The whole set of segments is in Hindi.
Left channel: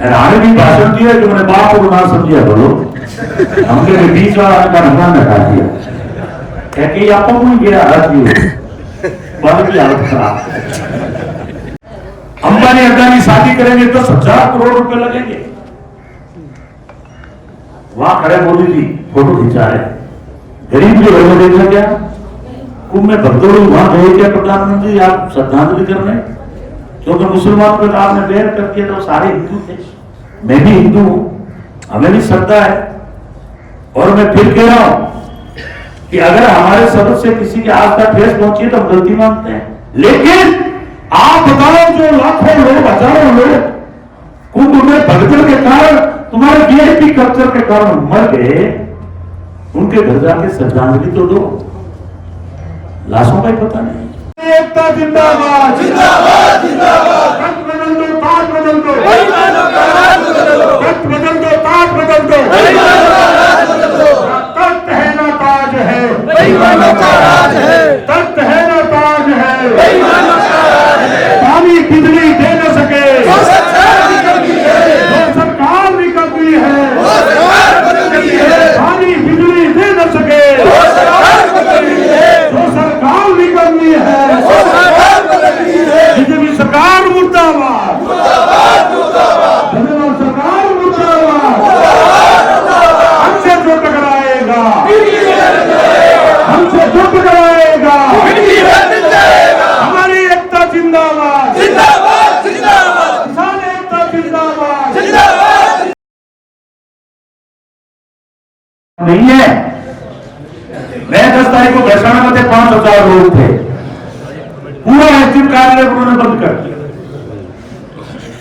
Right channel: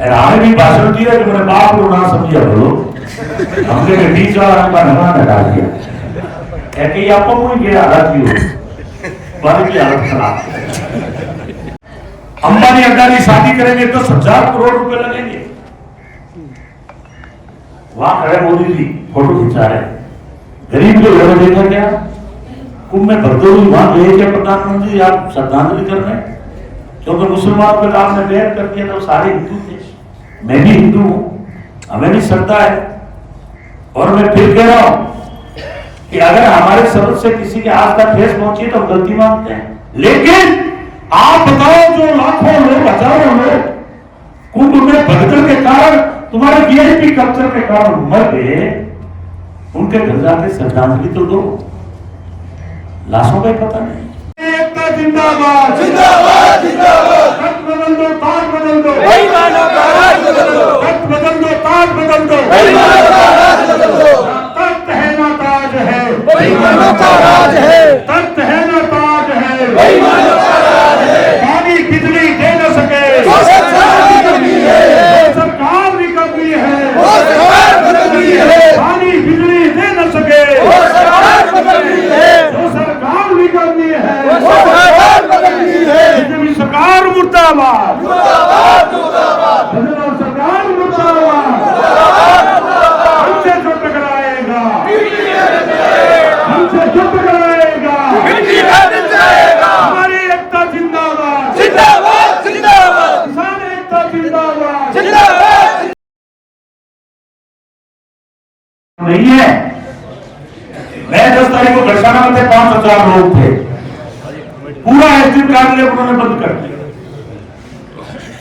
रानी भी भाषण दिया कि मैंने बाप को ना समझिया बोलो हमके भी बीच वाला का नाम लगा दिया क्या कि आपको कोई गया हालत हो बाल की हालत खराब। अंबानी अडानी शादी करेंगे तो 10,000 करोड़ रुपए लगेंगे। वहां खड़े मोदी जी फोटो खिंचा है, गरीब जो है वो देखा क्या कुंभ में भक्तों वहां गए क्या प्रधानमंत्री आप श्रद्धांजलि कर रहे हैं? क्योंकि मुसलमान पर आपने बैर कर दिया तो सारे हिंदू थे, मैं भी हिंदू हूं, हमें भी श्रद्धा है। और मैं फिर कह रहा हूं कि अगर हमारे शब्द से किसी की आस्था ठेस पहुंची तो हम गलती मानते हैं, लेकिन आप बताओ जो लाखों लोग हजारों लोग कुंभ में भगदड़ के कारण तुम्हारे वीआईपी कल्चर के कारण मर गए, उनके घर जाके श्रद्धांजलि तो दो, लाशों का ही पता नहीं। एकता जिंदाबाद जिंदाबाद जिंदाबाद, तख्त बदल दो ताज बदल दो, बेईमानों का राज बदल दो, तख्त बदल दो ताज बदल दो, बेईमानों का राज बदल दो, तख्त है ना ताज है, बेईमानों का राज है, तख्त है ना ताज है, बेईमानों का राज है, पानी बिजली दे न सके वो सरकार निकली है, वो सरकार निकली है, वो सरकार बदली है, पानी बिजली दे न सके वो सरकार निकली है, वो सरकार निकली है, बीजेपी सरकार मुर्दाबाद मुर्दाबाद मुर्दाबाद, बीजेपी सरकार मुर्दाबाद, हमसे जो टकराएगा हमसे जो टकराएगा हमारी एकता जिंदाबाद जिंदाबाद जिंदाबाद, किसान एकता जिंदाबाद जिंदाबाद। नहीं है, मैं 10 तारीख को घोषणा में थे 5,000 लोग थे, पूरा एसडीएम कार्यालय उन्होंने बंद कर दिया।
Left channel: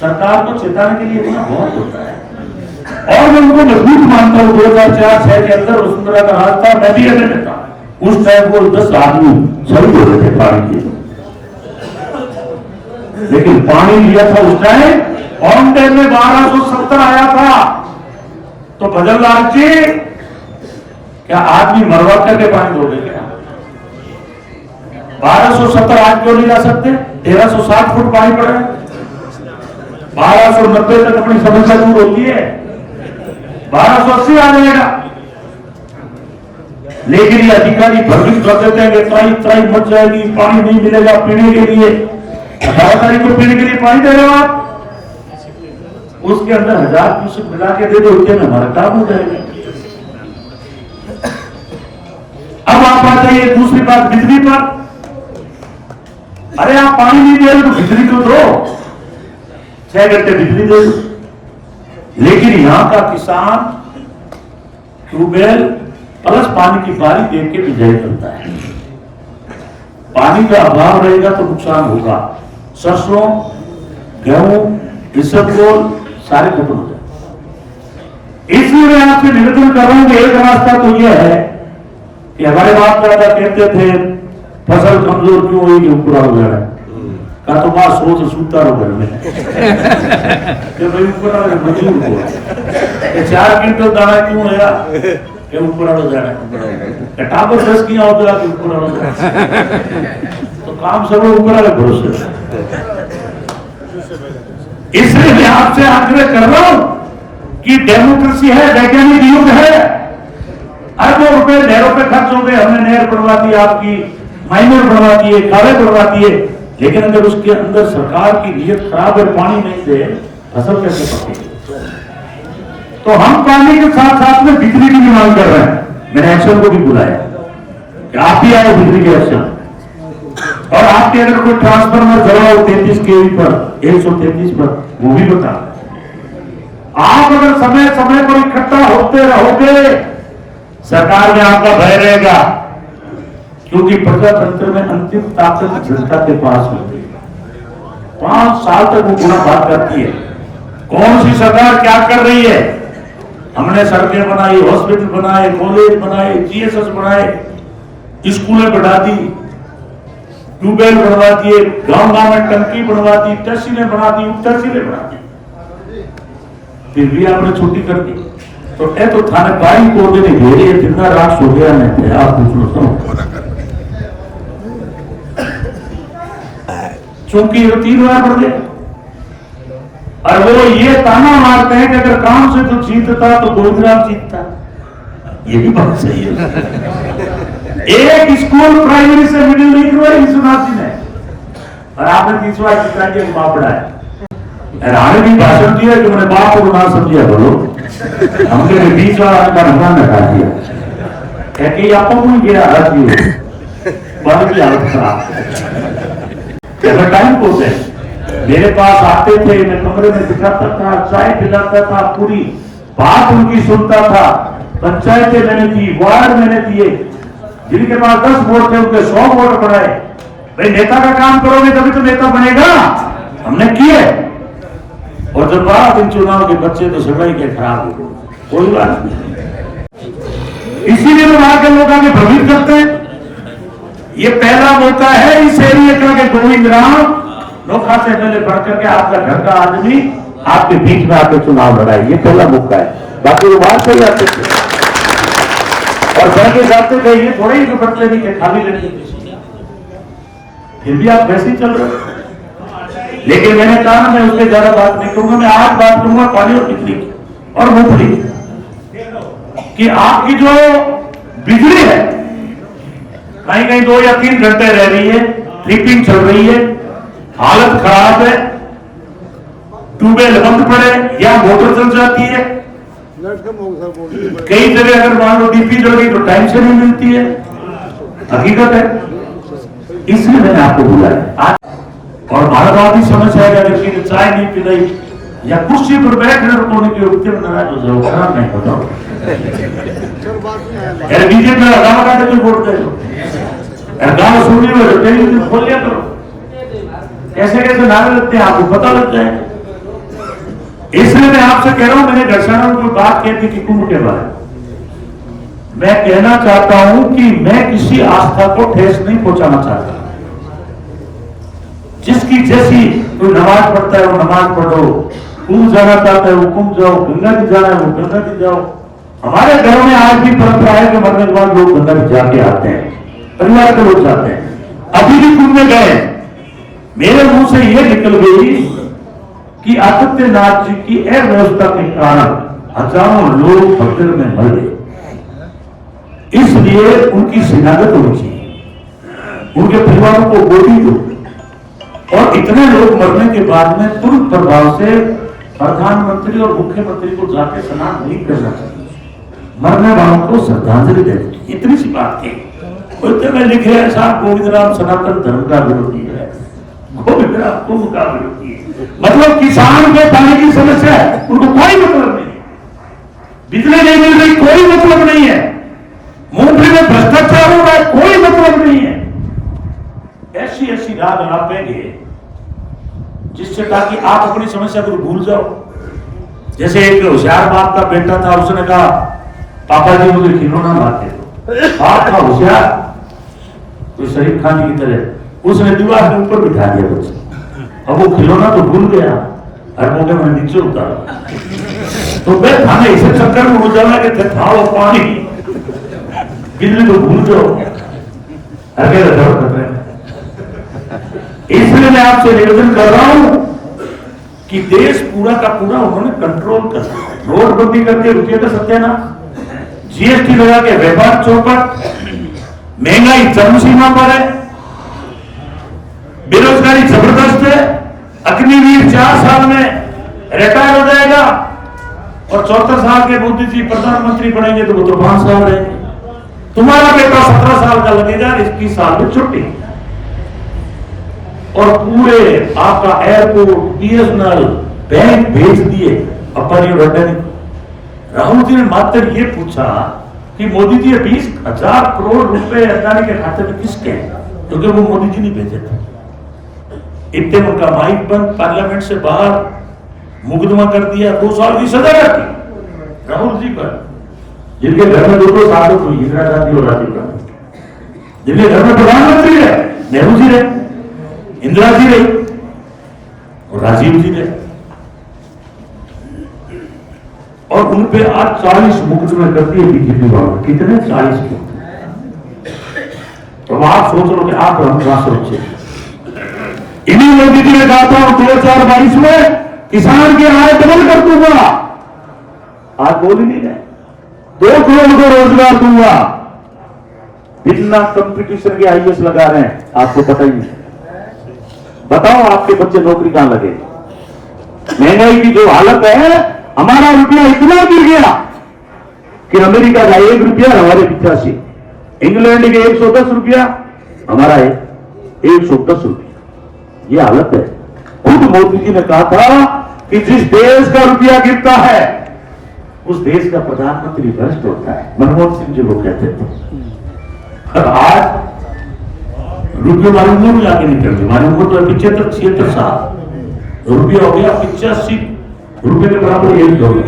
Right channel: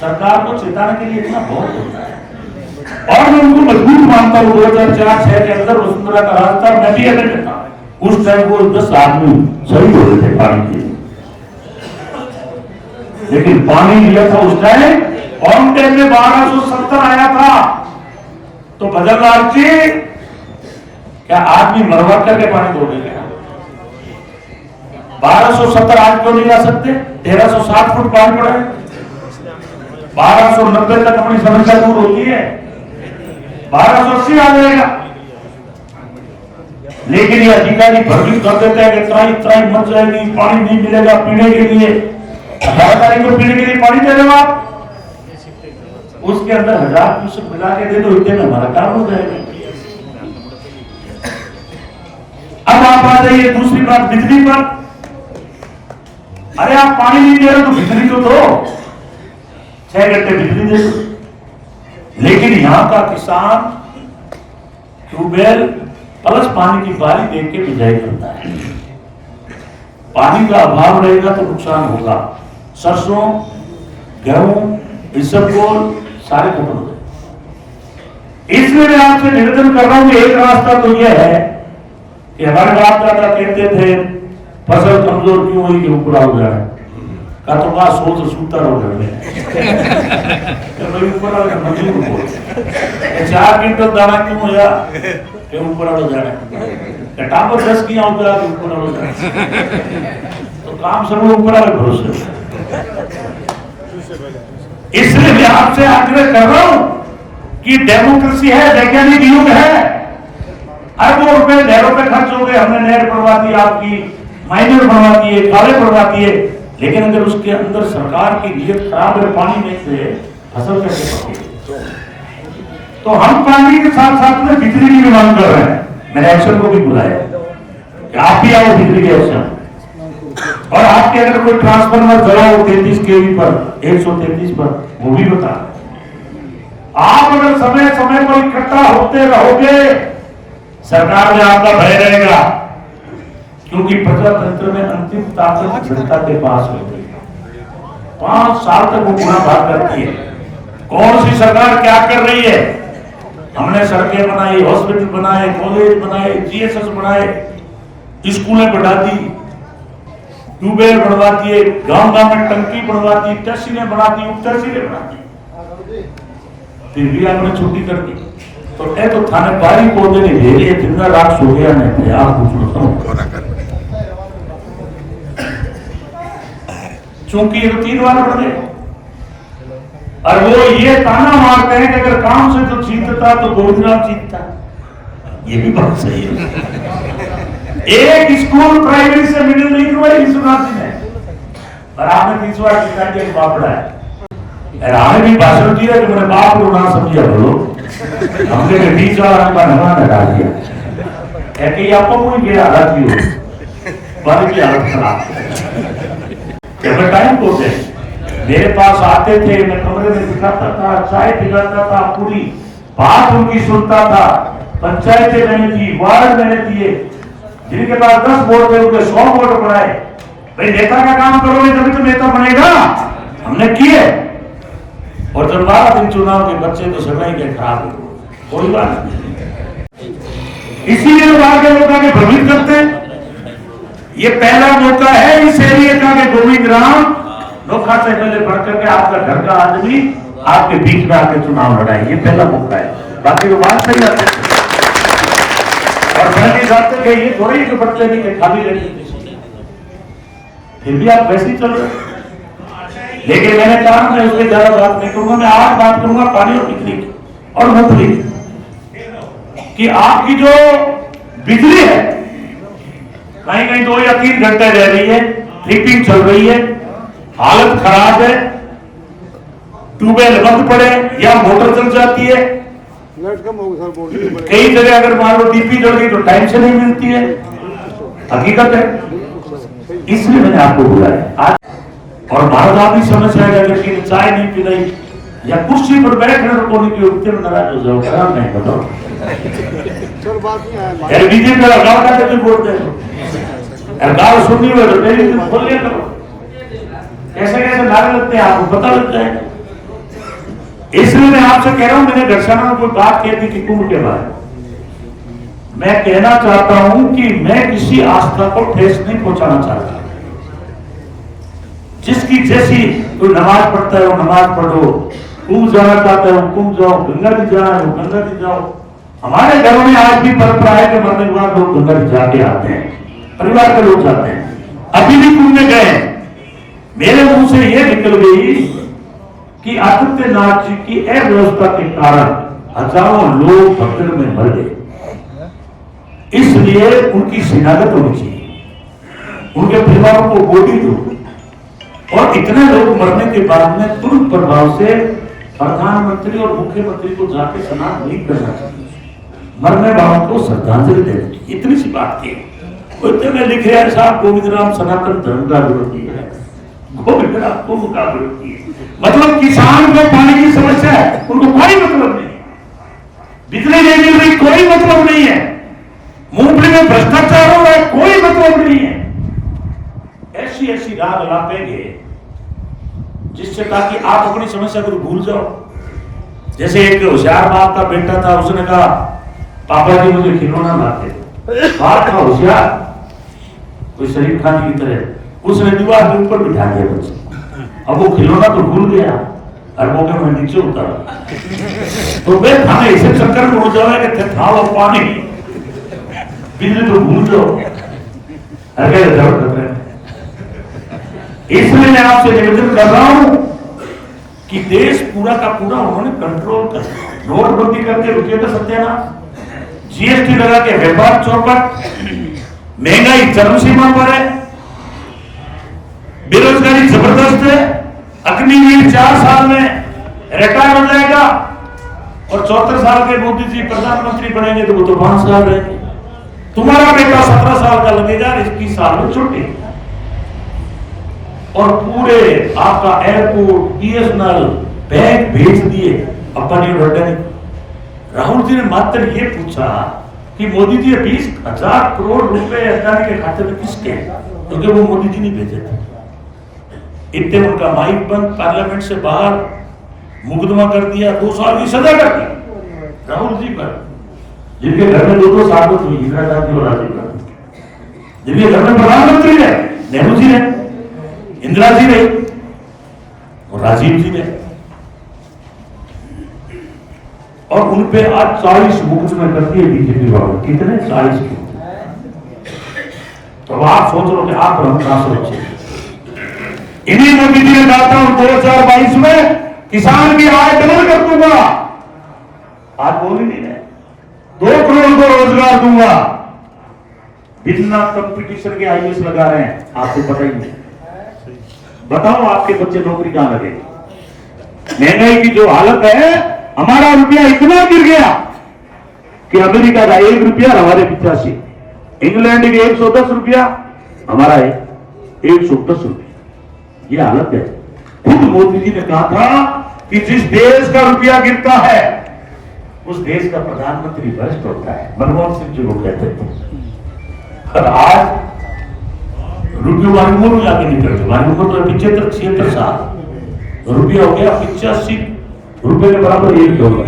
सरकार को चेताने के लिए इतना बहुत होता है और मैं उनको मजबूत मानता हूं। 2004-06 के अंदर वसुंधरा का राज था, मैं भी एजेंट था, उस टाइम को 10 आदमी शहीद हो रहे थे पानी के, लेकिन पानी लिया था उस टाइम ऑन टाइम में 1270 आया था। तो भजन लाल जी क्या आदमी मरवा करके पानी दोगे क्या? 1270 आज क्यों नहीं ला सकते? 1360 फुट पानी पड़ा है, 1290 तक अपनी समस्या दूर होती है, 1280 आ जाएगा। लेकिन ये अधिकारी भ्रमित कर देते हैं कि त्राई त्राई मच जाएगी, पानी नहीं मिलेगा पीने के लिए। 18 तारीख को पीने के लिए पानी दे रहे हो आप, उसके अंदर 1000 क्यूसेक मिला के दे दो, इतने में हमारा काम हो जाएगा। अब आप आ जाइए दूसरी बात बिजली पर। अरे आप पानी नहीं दे रहे तो बिजली तो दो, 6 घंटे बिजली दे दो। लेकिन यहां का किसान ट्यूबवेल प्लस पानी की बारी देख के बिजाई करता है। पानी का अभाव रहेगा तो नुकसान होगा, सरसों गेहूं इसबगोल सारे खत्म हो जाए। इसलिए मैं आपसे निवेदन कर रहा हूं कि एक रास्ता तो यह है कि हमारे बाप दादा कहते थे फसल कमजोर क्यों हुई कि ऊपर हो गया है, का तो मां सोच सूता रहो घर में कि भाई ऊपर आ गया मजबूर हो, 4 क्विंटल दाना क्यों होया कि ऊपर आ जाए, टापर 10 की होता कि ऊपर आ जाए, तो काम सब लोग ऊपर आ गए भरोसे। इसलिए मैं आपसे आग्रह कर रहा हूं कि डेमोक्रेसी है, वैज्ञानिक युग है, अरबों रुपए नहरों पे खर्च हो गए, हमने नहर बनवा दी, आपकी माइनर बनवा दिए, काले बनवा दिए, लेकिन अगर उसके अंदर सरकार की नीयत खराब है, पानी नहीं दे, फसल कैसे पकेगी? तो हम पानी के साथ साथ में बिजली की भी मांग कर रहे हैं। मैंने एक्शन को भी बुलाया कि आप भी आओ बिजली के एक्शन, और आपके अगर कोई ट्रांसफार्मर जला हो 33 kV पर, 133 पर, वो भी बता। आप अगर समय समय पर इकट्ठा होते रहोगे, सरकार में आपका भय रहेगा, क्योंकि प्रजातंत्र में अंतिम ताकत जनता के पास होती है। 5 साल तक वो पूरा बात करती है कौन सी सरकार क्या कर रही है। हमने सड़कें बनाई, हॉस्पिटल बनाए, कॉलेज बनाए, जीएसएस बनाए, स्कूलें बढ़ा दी, ट्यूबवेल बनवा दिए, गांव गांव में टंकी बनवा दी, तहसीलें बना दी, उप तहसीलें बना दी, फिर भी आपने छुट्टी कर दी। तो ए तो थाने पानी पौधे नहीं दे रही है, जितना रात सो गया मैं आप पूछ लो, चूंकि 3 बार बढ़ गए। और वो ये ताना मारते हैं कि अगर काम से तो जीतता तो गोविंदराम जीतता। ये भी बात सही है। एक स्कूल प्राइमरी से मिडिल नहीं हुआ विश्वनाथ जी ने, और आपने 30 बार जीता के बाप पढ़ाया। आर्मी भाषण दिया कि मैंने बाप को ना समझिया बोलो, हमने 20 वाला का नाम लगा दिया कि आपको कोई गिरा हालत नहीं हो, बाल की हालत खराब। टाइम को मेरे पास आते थे, मैं कमरे में दिखाता था, चाय पिलाता था, पूरी बात उनकी सुनता था। पंचायतें मैंने दी, वार्ड मैंने दिए, जिनके पास 10 वोट थे उनके 100 वोट बढ़ाए। भाई नेता का काम करोगे तभी तो नेता बनेगा, हमने किए। और जब 12 दिन चुनाव के बच्चे तो सगाई के खराब हो, कोई बात नहीं। इसीलिए वहां के लोग आगे भ्रमित करते हैं। ये पहला मौका है इस एरिया का कि गोविंद राम नोखा से पहले बढ़कर के आपका घर का आदमी आपके बीच में आके चुनाव लड़ाए। ये पहला मौका है। बाकी वो बात सही आते थे और बढ़ के जाते थे, ये थोड़े ही बच्चे नहीं के खाली रहते, फिर भी आप वैसे ही चल रहे। लेकिन मैंने कहा मैं उसके ज्यादा बात नहीं करूंगा, मैं आज बात करूंगा पानी और बिजली की और मूंगफली कि आपकी जो बिजली है कहीं कहीं 2 या 3 घंटे रह रही है, ट्रिपिंग चल रही है, हालत खराब है, ट्यूबवेल बंद पड़े या मोटर चल जाती है। कई जगह अगर मान लो डीपी जल गई तो टाइम से नहीं मिलती है, हकीकत है। इसलिए मैंने आपको बोला है आज, और मानवादी समस्या है कि चाय नहीं पी रही या कुर्सी पर बैठने को नहीं उठते नाराज हो जाओ, मैं बताओ बीजेपी का गाँव का क्यों बोलते हो, गाँव सुनने में टेलीविजन खोल लिया करो, कैसे कैसे नारे लगते हैं आपको पता लग जाएगा। इसलिए मैं आपसे कह रहा हूं, मैंने दर्शना में कोई बात कह दी कि कुंभ के बारे में, मैं कहना चाहता हूं कि मैं किसी आस्था को ठेस नहीं पहुंचाना चाहता। जिसकी जैसी कोई नमाज पढ़ता है वो नमाज पढ़ो, कुंभ जाना चाहता है वो कुंभ जाओ, गंगा जी जाना है वो गंगा जी जाओ। हमारे घरों में आज भी परंपरा है कि मरने के बाद लोग गंगा जी जाके आते हैं, परिवार के लोग जाते हैं। अभी भी कुंभ में गए, मेरे मुंह से यह निकल गई कि आदित्यनाथ जी की अव्यवस्था के कारण हजारों लोग भगदड़ में मर गए, इसलिए उनकी शिनाख्त होनी चाहिए, उनके परिवारों को गोदी दो। और इतने लोग मरने के बाद में तुरंत प्रभाव से प्रधानमंत्री और मुख्यमंत्री को जाके स्नान नहीं करना चाहिए, मरने वालों को श्रद्धांजलि देनी चाहिए। इतनी सी बात थी। कोई में लिख रहे हैं साहब गोविंद राम सनातन धर्म का विरोधी है, गोविंद राम कुंभ का विरोधी है। मतलब किसान को पानी की समस्या है, उनको कोई मतलब नहीं, बिजली नहीं मिल रही कोई मतलब नहीं है, मूंगफली में भ्रष्टाचार हो रहा है कोई मतलब नहीं है। ऐसी ऐसी राग लापेंगे जिससे ताकि आप अपनी समस्या को भूल जाओ। जैसे एक होशियार बाप का बेटा था, उसने कहा पापा जी मुझे खिलौना लाते दो। बाप का होशियार कोई शरीफ खान की तरह, उसने दीवार के ऊपर बिठा दिया बच्चे। अब वो खिलौना तो भूल गया और मौके में नीचे उतारा, तो मैं थाने ऐसे चक्कर में हो जाए कि थाओ पानी बिजली तो भूल जाओ। इसलिए मैं आपसे निवेदन कर रहा हूं कि देश पूरा का पूरा उन्होंने कंट्रोल कर, नोटबंदी करके रुपये का सत्यानाश, जीएसटी लगा के व्यापार चौपट, महंगाई चरम सीमा पर है, बेरोजगारी जबरदस्त है। अग्निवीर 4 साल में रिटायर हो जाएगा और 74 साल के मोदी जी प्रधानमंत्री बनेंगे तो वो तो 5 साल रहेंगे। तुम्हारा बेटा 17 साल का लगेगा, 21 साल में छुट्टी। और पूरे आपका एयरपोर्ट, बीएसएनएल, बैंक भेज दिए अंबानी और अडानी। राहुल जी ने मात्र ये पूछा कि मोदी जी 20,000 करोड़ रुपए अडानी के खाते में किसके हैं, क्योंकि वो मोदी जी नहीं भेजे थे। इतने उनका माइक बंद, पार्लियामेंट से बाहर, मुकदमा कर दिया, 2 साल की सजा कर दी राहुल जी पर, जिनके घर में 2 साल हुई, इंदिरा गांधी और राजीव गांधी, जिनके घर में प्रधानमंत्री है, नेहरू जी रहे, इंदिरा जी रहे और राजीव जी रहे, और उन पे आज 40 मुकदमे करती है बीजेपी वालों। कितने? 40 मुकदमे। तो आप सोच लो कि आप हम कहां से बचे। इन्हीं मोदी जी ने कहा था 2022 में किसान की आय डबल कर दूंगा, आप बोल ही नहीं रहे। 2 करोड़ को रोजगार दूंगा, बिना कंपटीशन के आईएएस लगा रहे हैं, आपको पता ही नहीं। बताओ आपके बच्चे नौकरी कहां लगे? महंगाई की जो हालत है, हमारा रुपया इतना गिर गया कि अमेरिका का 1 रुपया हमारे 85, इंग्लैंड के 110 रुपया, हमारा है 110 रुपया। ये हालत है। खुद मोदी जी ने कहा था कि जिस देश का रुपया गिरता है उस देश का प्रधानमंत्री भ्रष्ट होता है। मनमोहन सिंह जी को कहते थे। और आज रुपये मालूम में आगे निकल गए, मालूम तो 75-76 साल रुपया हो गया 85 रुपये के बराबर, 1 डॉलर।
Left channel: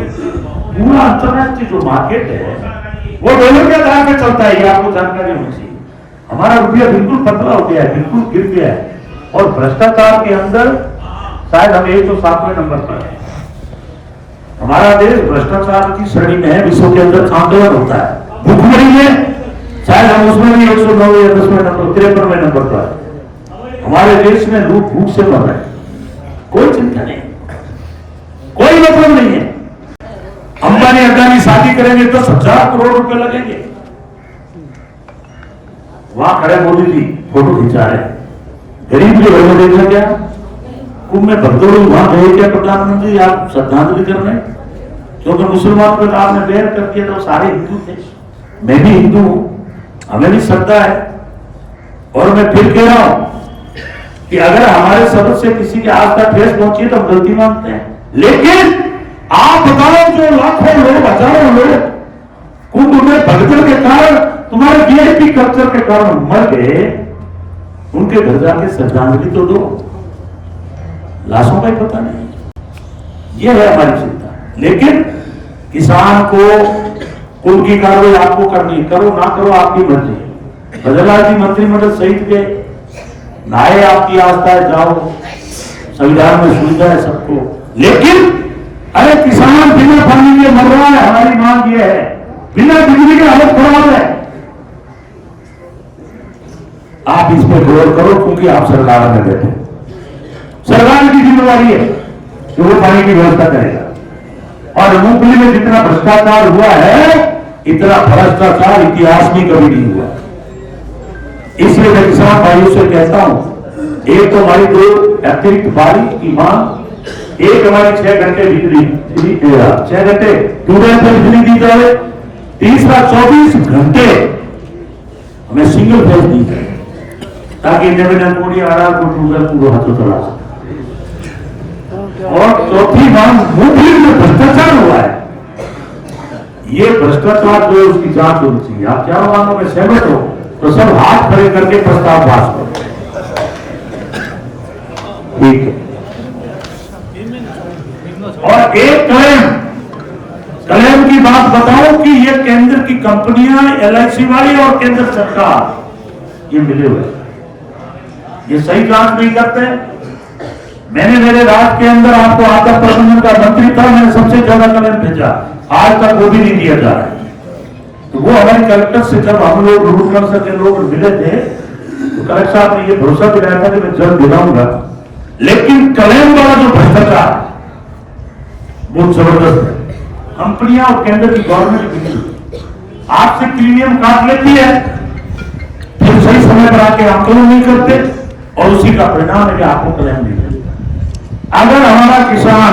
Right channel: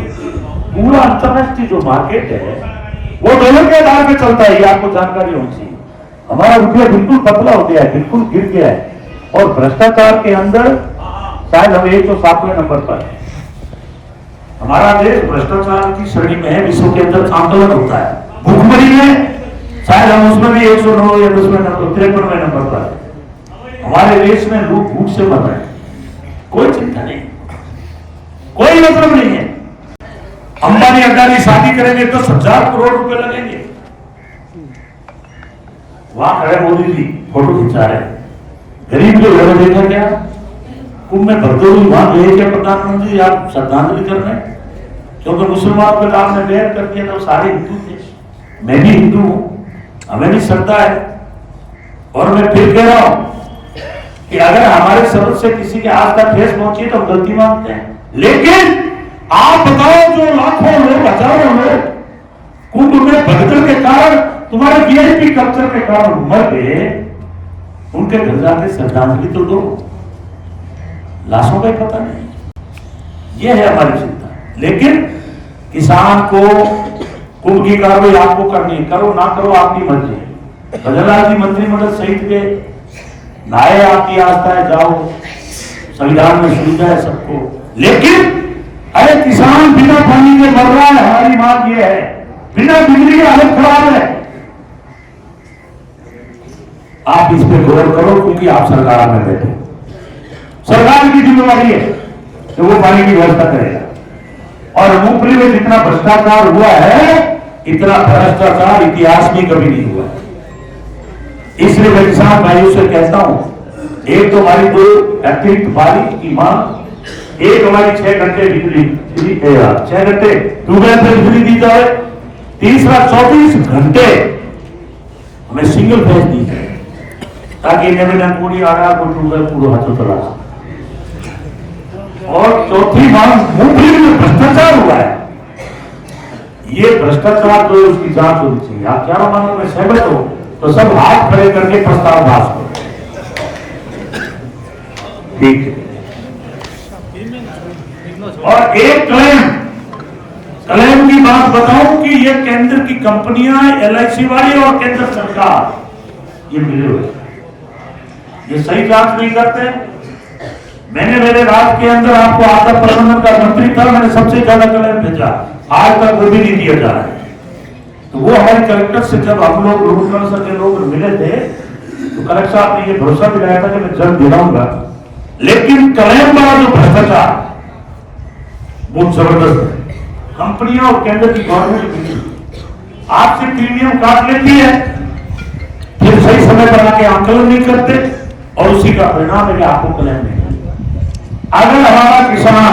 पूरा अंतरराष्ट्रीय जो मार्केट है वो डॉलर के आधार पर चलता है, ये आपको जानकारी होनी चाहिए। हमारा रुपया बिल्कुल पतला हो गया है, बिल्कुल गिर गया है। और भ्रष्टाचार के अंदर शायद हम 107वें नंबर पर है। हमारा देश भ्रष्टाचार की श्रेणी में है, विश्व के अंदर आंदोलन होता है। भूखमरी में शायद हम उसमें भी 109 या 10वें नंबर, 53वें नंबर पर। हमारे देश में लोग भूख से मर रहे हैं, कोई चिंता नहीं, कोई मतलब नहीं है। अंबानी अडानी शादी करेंगे 10,000 करोड़ रुपए लगेंगे। वहां खड़े मोदी जी फोटो खिंचा रहे, गरीब जो है वो देखा क्या? कुंभ में भक्तों वहां गए क्या प्रधानमंत्री? आप श्रद्धांजलि कर रहे हैं? क्योंकि मुसलमान पर आपने बैन कर दिया तो सारे हिंदू थे, मैं भी हिंदू हूं, हमें भी श्रद्धा है। और मैं फिर कह रहा हूं कि अगर हमारे शब्द से किसी के आस पास ठेस पहुंची तो हम गलती मानते हैं। लेकिन आप बताओ, जो लाखों लोग, हजारों लोग कुंभ में भगदड़ के कारण, तुम्हारे वीआईपी कल्चर के कारण मर गए, उनके घर जाके श्रद्धांजलि तो दो, लाशों का ही पता नहीं। यह है हमारी चिंता। लेकिन किसान को कुंभ की कार्रवाई आपको करनी, करो ना करो आपकी मर्जी। भजनलाल जी मंत्रिमंडल सहित गए, नाए आपकी आस्था है, जाओ, संविधान में सुविधा है सबको। लेकिन अरे किसान बिना पानी के मर रहा है, हमारी मांग यह है, बिना बिजली की हालत खराब है। आप इस पर गौर करो, क्योंकि आप सरकार में बैठे, सरकार की जिम्मेदारी है कि वो पानी की व्यवस्था करेगा। और मूंगफली में जितना भ्रष्टाचार हुआ है, इतना भ्रष्टाचार इतिहास में कभी नहीं हुआ। इसलिए मैं किसान भाइयों से कहता हूं, एक तो हमारी 2 अतिरिक्त बारिश की मांग, एक हमारी 6 घंटे बिजली 6 घंटे ट्यूबवेल से बिजली दी जाए, तीसरा 24 घंटे हमें सिंगल फेज दी जाए, ताकि कोड़ी आड़ा को ट्यूबवेल पूरा हाथों चला। और चौथी मांग, मूंगफली में भ्रष्टाचार हुआ है, ये भ्रष्टाचार जो उसकी जांच होनी चाहिए। आप चारों मांगों में सहमत हो तो सब हाथ खड़े करके प्रस्ताव पास करो, ठीक है। और एक क्लेम की बात बताऊं कि ये केंद्र की कंपनियां, LIC वाली और केंद्र सरकार ये मिले हुए, ये सही जांच नहीं करते। मैंने मेरे राज्य के अंदर आपको आपदा प्रबंधन का मंत्री था, मैंने सबसे ज्यादा क्लेम भेजा, आज तक वो भी नहीं दिया जा रहा है। तो वो हमारे कलेक्टर से जब हम लोग रूरल के लोग मिले थे तो कलेक्टर साहब ने ये भरोसा दिलाया था कि मैं जल्द दिलाऊंगा। लेकिन क्लेम वाला जो भ्रष्टाचार बहुत जबरदस्त है। कंपनियां और केंद्र की गवर्नमेंट आपसे प्रीमियम काट लेती है, फिर सही समय पर आके आंकलन नहीं करते, और उसी का परिणाम है कि आपको क्लेम नहीं करते। अगर हमारा किसान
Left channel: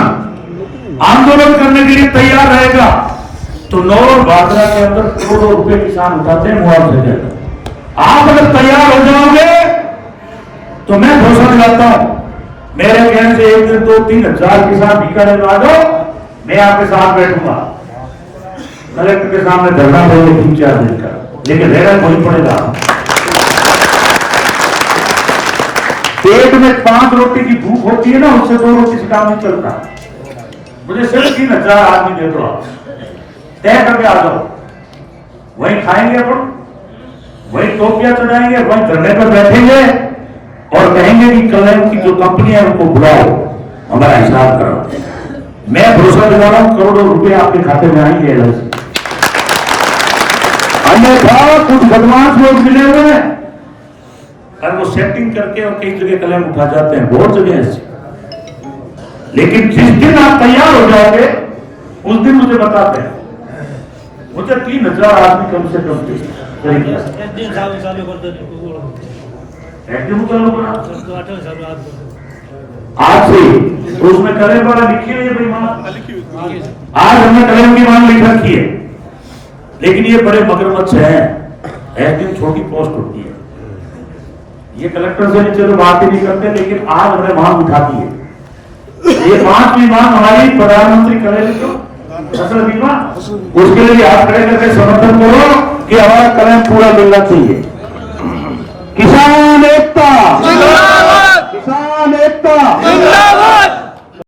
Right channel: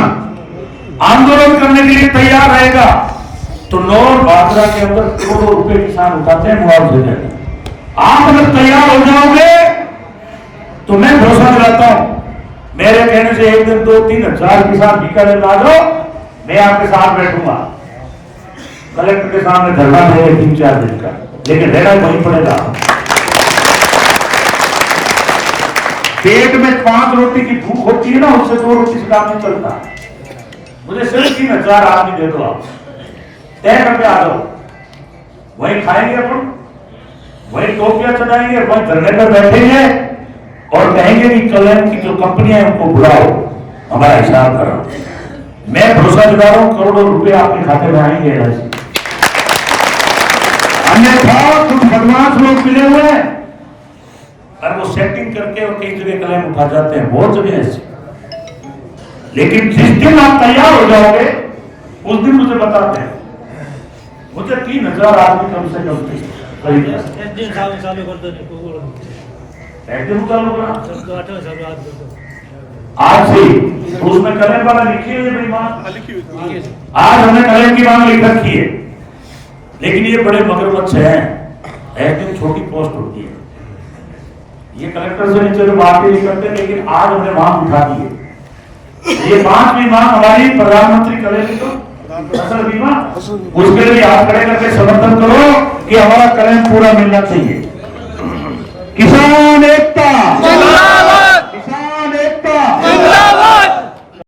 आंदोलन करने के लिए तैयार रहेगा तो नौर बाजरा के अंदर करोड़ों रुपए किसान उठाते हैं मुआवजे देते। आप अगर तैयार हो जाओगे तो मैं भरोसा दिलाता हूं, मेरे कहने से 1 दिन 2-3 हजार किसान बीकानेर ला दो, मैं आपके साथ बैठूंगा, कलेक्टर के सामने धरना देंगे 3-4 दिन का, लेकिन रहना वहीं पड़ेगा। पेट में 5 रोटी की भूख होती है ना, उससे 2 रोटी से काम नहीं चलता। मुझे सिर्फ 3 हजार आदमी दे दो, तय करके आ जाओ, वहीं खाएंगे अपन, वहीं टोपियां चढ़ाएंगे, वहीं धरने पर बैठेंगे और कहेंगे कि कलम की जो कंपनियां है उनको बुलाओ, हमारा हिसाब करो। मैं भरोसा दिला रहा हूं, करोड़ों रुपए आपके खाते में आएंगे। अन्यथा कुछ बदमाश लोग मिले हुए हैं और वो सेटिंग करके और कई जगह क्लेम उठा जाते हैं, बहुत जगह ऐसे। लेकिन जिस दिन आप तैयार हो जाओगे उस दिन मुझे बताते हैं। मुझे 3000 आदमी कम से कम चाहिए। एक दिन चालू कर दो, एकदम चालू करा 8 चालू आज कर दो। आज से तो उसमें कलम वाला लिखी हुई है मांग, आज हमने कलम की मांग लिख रखी है। लेकिन ये बड़े मगरमच्छ हैं, एक दिन छोटी पोस्ट होती है, ये कलेक्टर से नीचे तो बात ही नहीं करते, लेकिन आज हमने मांग उठा दी है। ये 5वीं मांग हमारी प्रधानमंत्री करेंगे तो फसल बीमा, उसके लिए आप खड़े करके समर्थन करो कि हमारा कलम पूरा मिलना चाहिए। किसान एक